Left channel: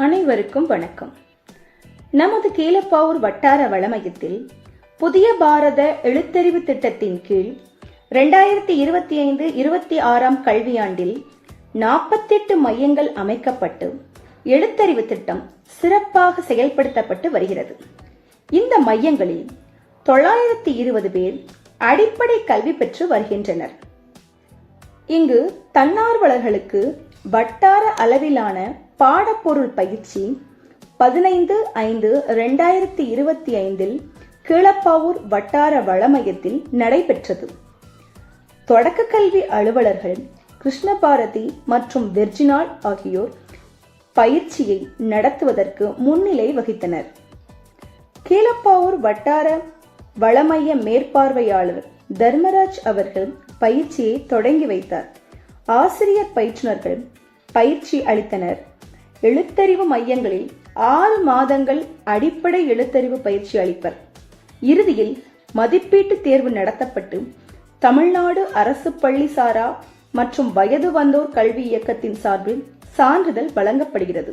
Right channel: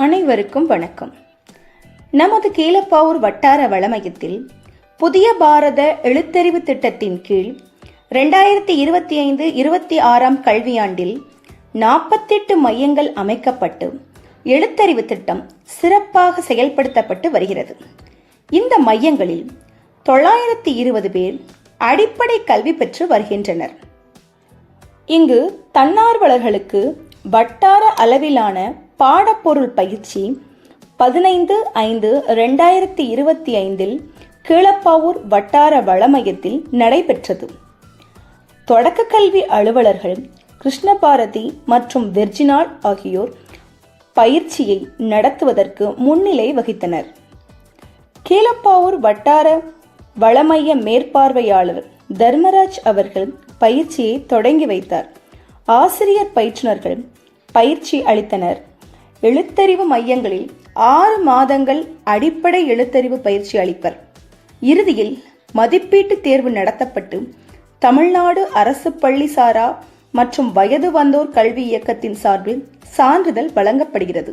அனைவருக்கும் வணக்கம். நமது கீழப்பாவூர் வட்டார வளமையத்தில் புதிய பாரத எழுத்தறிவு திட்டத்தின் கீழ் ரெண்டாயிரத்தி இருபத்தி ஐந்து இருபத்தி ஆறாம் கல்வியாண்டில் நாற்பத்தெட்டு மையங்கள் அமைக்கப்பட்டு எழுத்தறிவு திட்டம் சிறப்பாக செயல்படுத்தப்பட்டு வருகிறது. இந்த மையங்களில் தொள்ளாயிரத்தி இருபது பேர் அடிப்படை கல்வி பெற்று வருகின்றனர். இங்கு தன்னார்வலர்களுக்கு வட்டார அளவிலான பாடப்பொருள் பயிற்சி பதினைந்து ஐந்து ரெண்டாயிரத்தி இருபத்தி ஐந்தில் கீழப்பாவூர் வட்டார வளமையத்தில் நடைபெற்றது. தொடக்க கல்வி அலுவலர்கள் கிருஷ்ணபாரதி மற்றும் வெர்ஜினால் ஆகியோர் பயிற்சியை நடத்துவதற்கு முன்னிலை வகித்தனர். கீழப்பாவூர் வட்டார வளமைய மேற்பார்வையாளர் தர்மராஜ் அவர்கள் பயிற்சியை தொடங்கி வைத்தார். ஆசிரியர் பயிற்றுனர்கள் பயிற்சி அளித்தனர். எழுத்தறிவு மையங்களில் ஆறு மாதங்கள் அடிப்படை எழுத்தறிவு பயிற்சி அளிப்பர். இறுதியில் மதிப்பீட்டு தேர்வு நடத்தப்பட்டு தமிழ்நாடு அரசு பள்ளி சாரா மற்றும் வயது வந்தோர் கல்வி இயக்கத்தின் சார்பில் சான்றிதழ் வழங்கப்படுகிறது.